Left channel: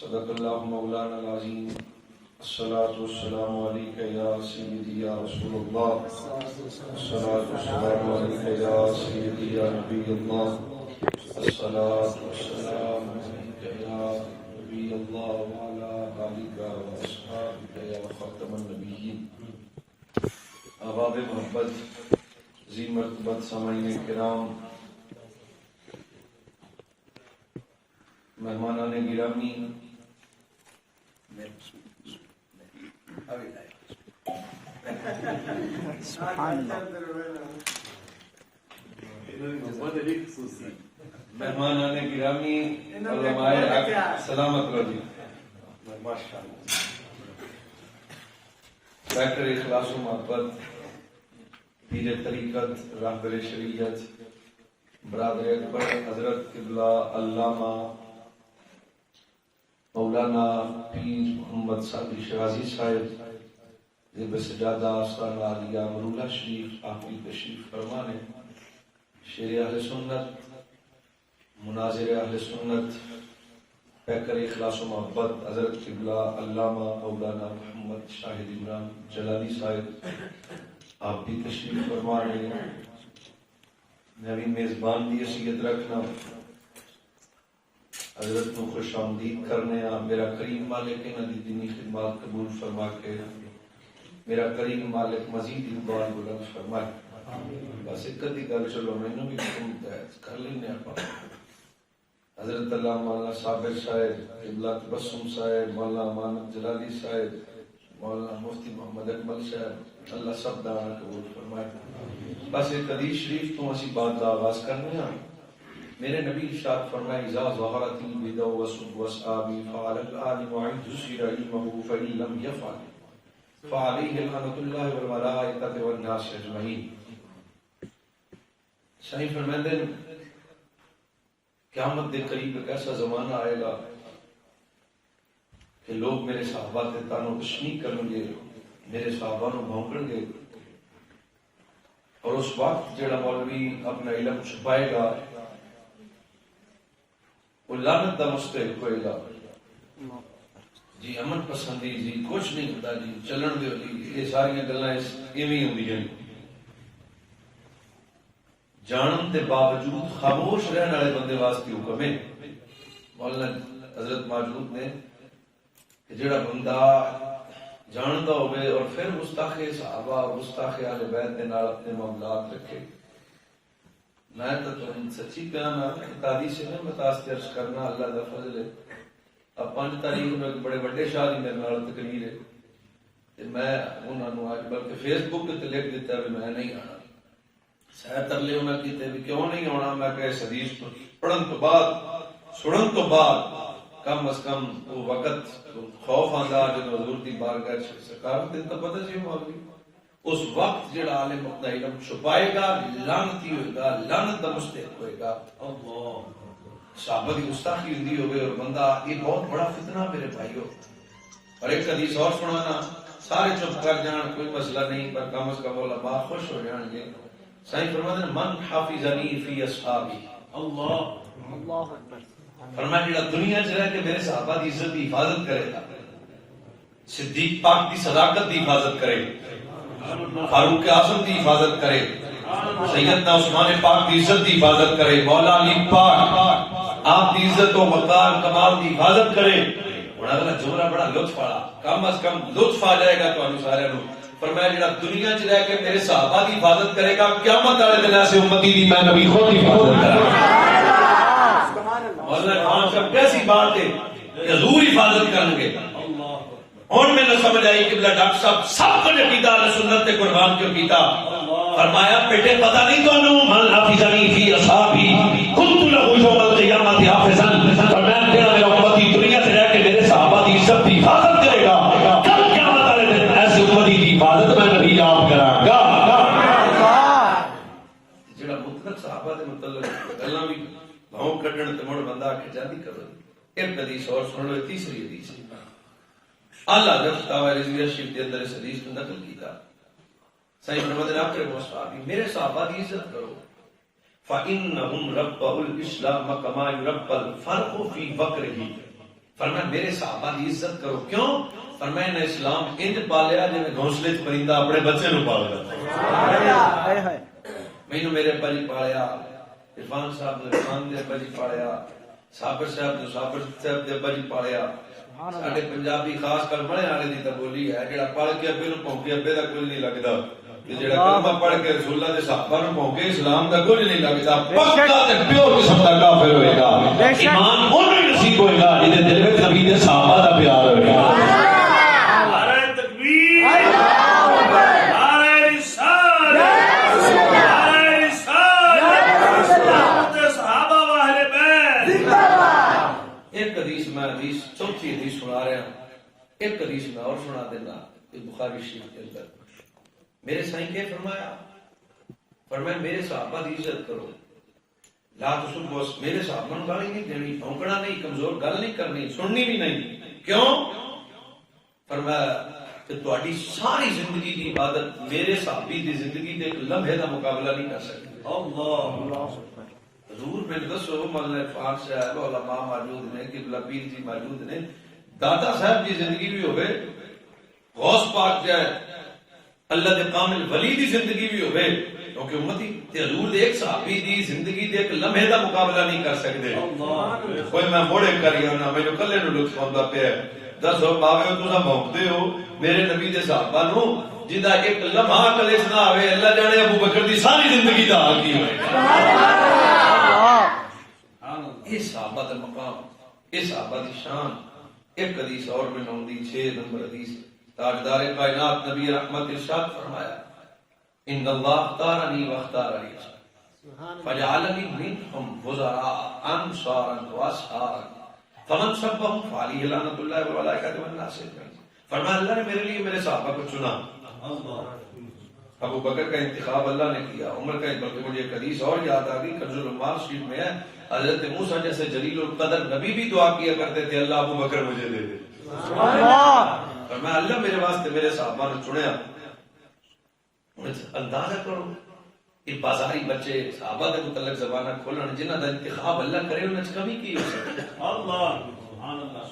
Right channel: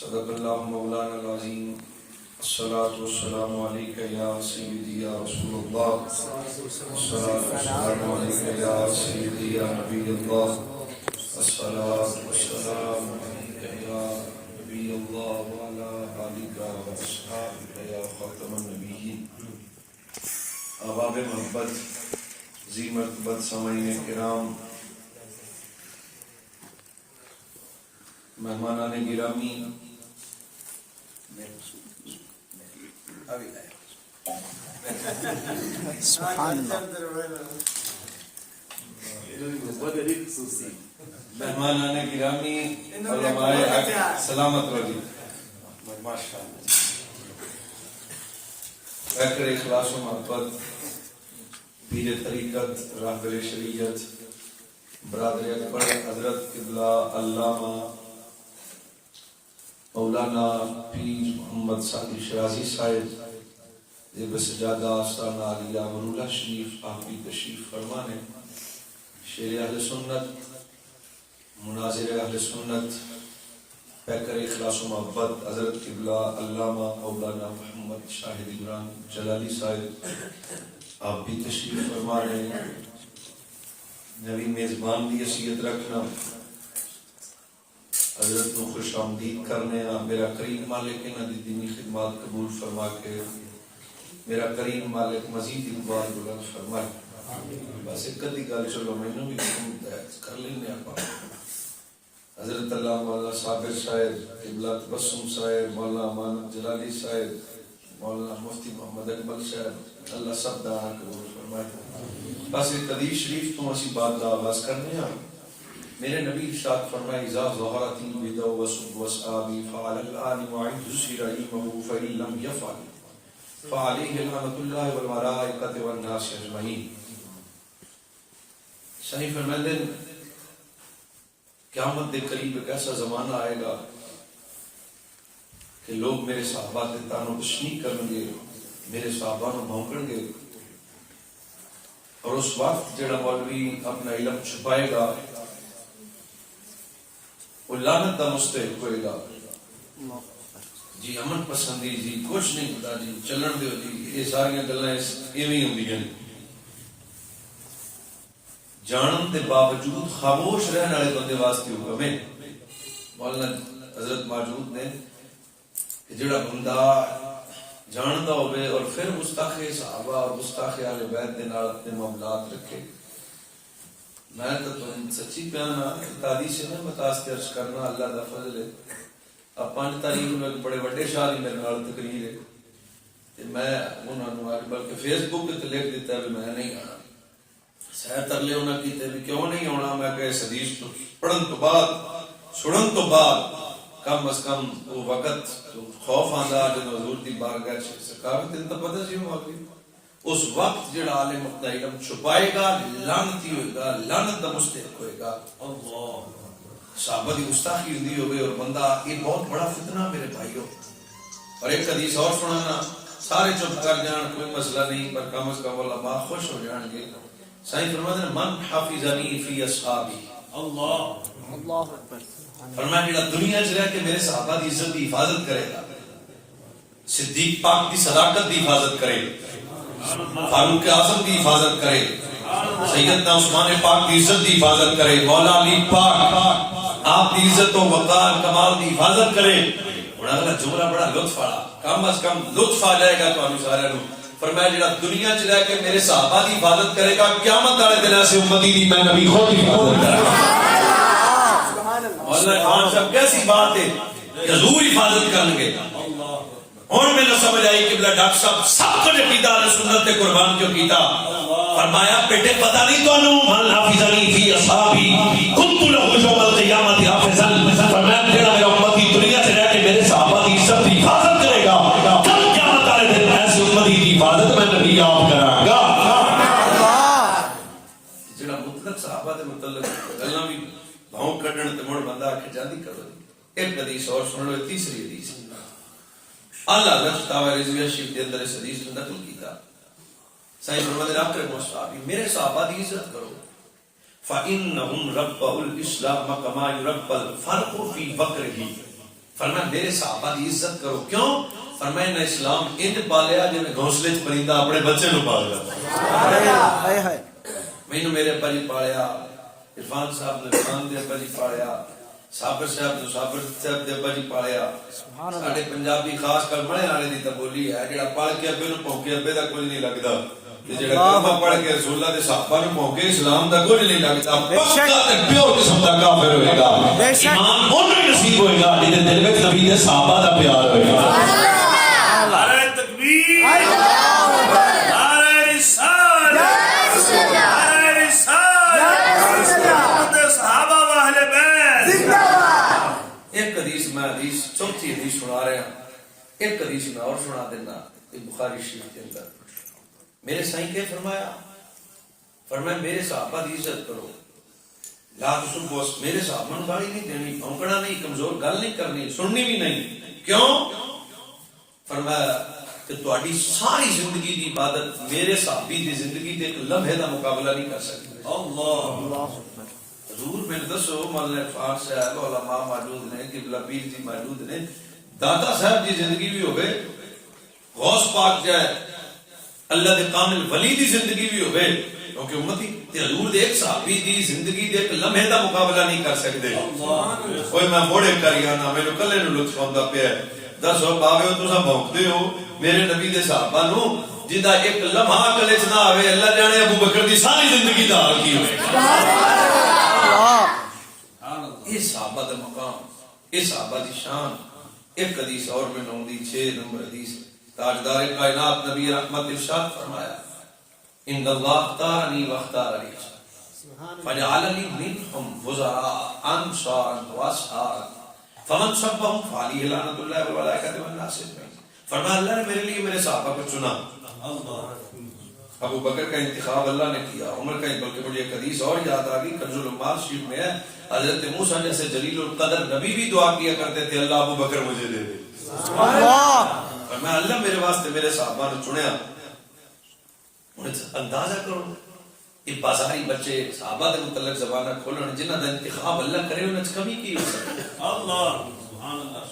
صدق اللہ مولانا العظیم. الصلاة والسلام علیک یا سیدی یا رسول اللہ. الصلاة والسلام علیک یا سیدی یا نبی اللہ. الصلاة والسلام علیک یا نبی اللہ وعلا آلک و اصحابک یا خاتم النبیین. احباب محبت، ذی مرتبت سامعین کرام، مہمانان گرامی، مہمانان گرامی، علماء حق، سلامت رہی. پیکر اخلاص و محبت، پیر طریقت، راہبر شریعت، برادر اکبر حضرت قبلہ علامہ مولانا پیر محمد سعدی شرازی صاحب زیب سجادہ آستانہ علیہ مرولہ شریف آپ کی تشریف فرمانے. شیر اہل سنت، مناظر اہل سنت، پیکر اخلاص و محبت حضرت قبلہ علامہ مولانا محمد شاہد عمران جلالی صاحب آپ بھی تشریف فرمانے. نبی میزبان بھی حیثیت رکھنا، حضرت کو خوش آمدید کرنے. میرا کریم مالک انہاں دی دینی خدمات قبول فرما کے میرا کریم مالک مزید اقبال بلند فرمائے. بس ایک کدی گل چلو میں نے بھی کر لینے آقا. حضرت اللہ مولانا صابر صاحب، قبلہ تبسم صاحب، مولانا امانت جلالی صاحب، مولانا مفتی محمد اکمل صاحب، اللہ سب دعا قبول فرمائے. بس ایک حدیث شریف تو اسی بات کا آغاز کرنے ہیں. میرے نبی ارشاد فرمائے اذا ظہرت البدع وسب واصحابی فعلى الآن وعند السر علمه فإن لم يفعل فعليه لعنة الله والملائكة والناس اجمعین. صحیح فرماتے ہیں قیامت دے قریب ایک ایسا زمانہ آئے گا کہ لوگ میرے صحابہ تے تانو کشنی کریں گے، میرے صحابہ نو بھونکن گے، اور اس وقت جڑا مولوی اپنا علم چھپائے گا وہ لعنت دا مستحق ہوئے گا. جی امن پسندی جی کچھ نہیں پتا جی چلن دیو جی، یہ ساری گلاں ایویں ہوندیاں نے. جانن دے باوجود خاموش رہنے والے بندے واسطے حکم ہے. مولانا حضرت موجود نے کہ جڑا بندہ جاندا ہوئے اور پھر گستاخ صحابہ اور گستاخ اہل بیت دے نال اپنے معاملات رکھے. میں تو سچی بیان تاریخ سے میں متاثر عرض کرنا اللہ دا فضل ہے. اب 5 تاریخ میں ایک بڑے وڈے شاہ دی میرے نال تقریر ہے کہ میں انہاں نو آج بلکہ فیس بک تے لکھ دیتا ہے میں نہیں آنا. سیر ترلے انہاں کیتے بھی کیوں نہیں آنا. میں کہ اس حدیث تو پڑھن تو بعد سنن تو بعد کم از کم وہ وقت خوف آندا جب حضور دی بارگاہ چ سرکار تے تو پتہ سی مولوی اس وقت جڑا عالم اپنا علم چھپائے گا لعنتی ہوئے گا، لعنت دا مستحق ہوئے گا. اللہ صحابہ دی گستاخی ہوندی ہوئے اور بندہ یہ بہت بڑا فتنہ میرے بھائیو. اور ایک حدیث اور سنانا، سارے چپ کر جان کوئی مسئلہ نہیں پر کم از کم علماء خوش ہو جان گے. صحیح فرماتے ہیں من حافظنی فی اصحابی. اللہ اللہ اکبر. فرمایا جڑا دنیا چ رہ کے میرے صحابہ دی عزت دی حفاظت کرے گا، صدیق پاک دی صداقت دی حفاظت کرے، فاروق اعظم دی حفاظت کرے، سیدنا عثمان پاک دی عزت دی حفاظت کرے، مولا علی پاک آپ دی عزت و وقار کمال دی حفاظت کرے. اور اگلا جملہ بڑا لطف والا، کم از کم لطف آ جائے گا تو ہم سارے نو. فرمایا جڑا دنیا چ رہ کے میرے صحابہ دی حفاظت کرے گا قیامت والے دن ایسے امتی دی میں نبی خود حفاظت کرے گا. مولانا خان صاحب کیسی بات ہے کہ حضور حفاظت کریں گے. اور میں نے سمجھ آئی کہ بلا ڈاکٹر صاحب سب کو عقیدہ اہل سنت تے قربان کیوں کیتا. فرمایا بیٹے پتہ نہیں تو من حافظنی فی اصحابی کنت له یوم القیامت حافظا. فرمایا جڑا میرا امتی دنیا سے رہ کے میرے صحابہ کی عزت کی حفاظت کرے گا کل قیامت والے دن ایسی امتی کی حفاظت میں نبی آپ کراں گا. جڑا مطلق صحابہ دے متعلق گلاں بھی بھاؤں کڈن تے مڑ بندہ آکھے جاندی کرو. ایک حدیث اور سن لو، تیسری حدیث اللہ حضرت فتاوی رضویہ شریف کے اندر اس حدیث کو نقل کیتا. صحیح فرماتے ہیں اکرم الصحابی میرے صحابہ دی عزت کرو. فَإِنَّهُمْ رَبَّهُ الْإِسْلَامَ كَمَا يُرَبَّ الْفَرْقُ فِي بَقْرِهِ فرمایا میرے صحابہ کی عزت کرو. کیوں؟ فرمایا نہ اسلام انج پالیا جویں گھونسلے چ پرندہ اپنے بچے نو پالیا. مینوں میرے ابا جی پالیا، عرفان صاحب نے عرفان دے ابا جی پالیا، صابر صاحب نے صابر صاحب دے ابا جی پالیا. ساڈے پنجابی خاص کر ملے والے دی تے بولی ہے جڑا پڑھ کے ابے نو پونکے ابے دا کچھ نہیں لگدا، تے جڑا کلمہ پڑھ کے رسول اللہ دے صحابہ نو پونکے اسلام دا کچھ نہیں لگدا. پکا تے پیور قسم دا کافر ہوے گا. ایمان اونوں ہی نصیب ہوے گا جے دل وچ نبی دے صحابہ دا پیار ہوے گا. نعرہ تکبیر، نعرہ رسالت، نعرہ رسالت، صحابہ و اہل بیت. ایک حدیث میں حدیث چوتھی حدیث سنا رہا ہوں. ایک حدیث میں اور سنا دینا بخاری شریف کے اندر. میرے سائیں کیا فرمایا؟ فرمایا میرے صحابہ کی عزت کرو. لا تسبوا، میرے صحابہ کو گالی نہیں دینی، بھونکنا نہیں، کمزور گل نہیں کرنی، سننی بھی نہیں. کیوں؟ فرمایا کہ تہاڈی ساری زندگی دی عبادت میرے صحابی دی زندگی دے ایک لمحے دا مقابلہ نہیں کر سکتی. اللہ حضور میں دسو مولانا عرفان صاحب علماء موجود نے، قبلہ پیر جی موجود نے، داتا صاحب دی زندگی بھی ہوئے، غوث پاک جائے اللہ دے کامل ولی دی زندگی بھی ہوئے، کیونکہ امتی تے حضور دے ایک صحابی دی زندگی دے ایک لمحے دا مقابلہ نہیں کر سکتے. کوئی میں موڑے کریاں نہ میرے کلے نو لطف آندا پیا ہے. دسو باوے تساں بھونکدے ہو میرے نبی دے صحابہ نو جدا ایک لمحہ کلے چ نہ آوے، اللہ جانے ابو بکر دی ساری زندگی دا حال کی ہوئے گا. اس صحابہ دا مقام، اس صحابہ دی شان. ایک حدیث اور میں نوندی 6 نمبر حدیث. تاجدار کائنات نبی رحمت ارشاد فرمایا ان اللہ اختارنی واختار علی فجعلنی منہم وزراء انصارا واصحابا فمن سبهم فعلیہ لعنت اللہ والملائکۃ والناس اجمعین. فرمایا اللہ نے میرے لیے میرے صحابہ کو چنا. ابو بکر کا انتخاب اللہ نے کیا، عمر کا، بلکہ مجھے ایک حدیث اور یاد آ گئی کنز العمال شریف میں ہے، حضرت موسیٰ جیسے جلیل القدر نبی بھی دعا کیا کرتے تھے اللہ ابو بکر مجھے دے دے. فرمایا اللہ میرے واسطے میرے صحابہ نے چنیا. اندازہ کرو یہ بازاری بچے صحابہ دے متعلق زبانہ کھولن جنہ دا انتخاب اللہ کرے انہاں چ کمی کی ہو سکے. اللہ سبحان اللہ.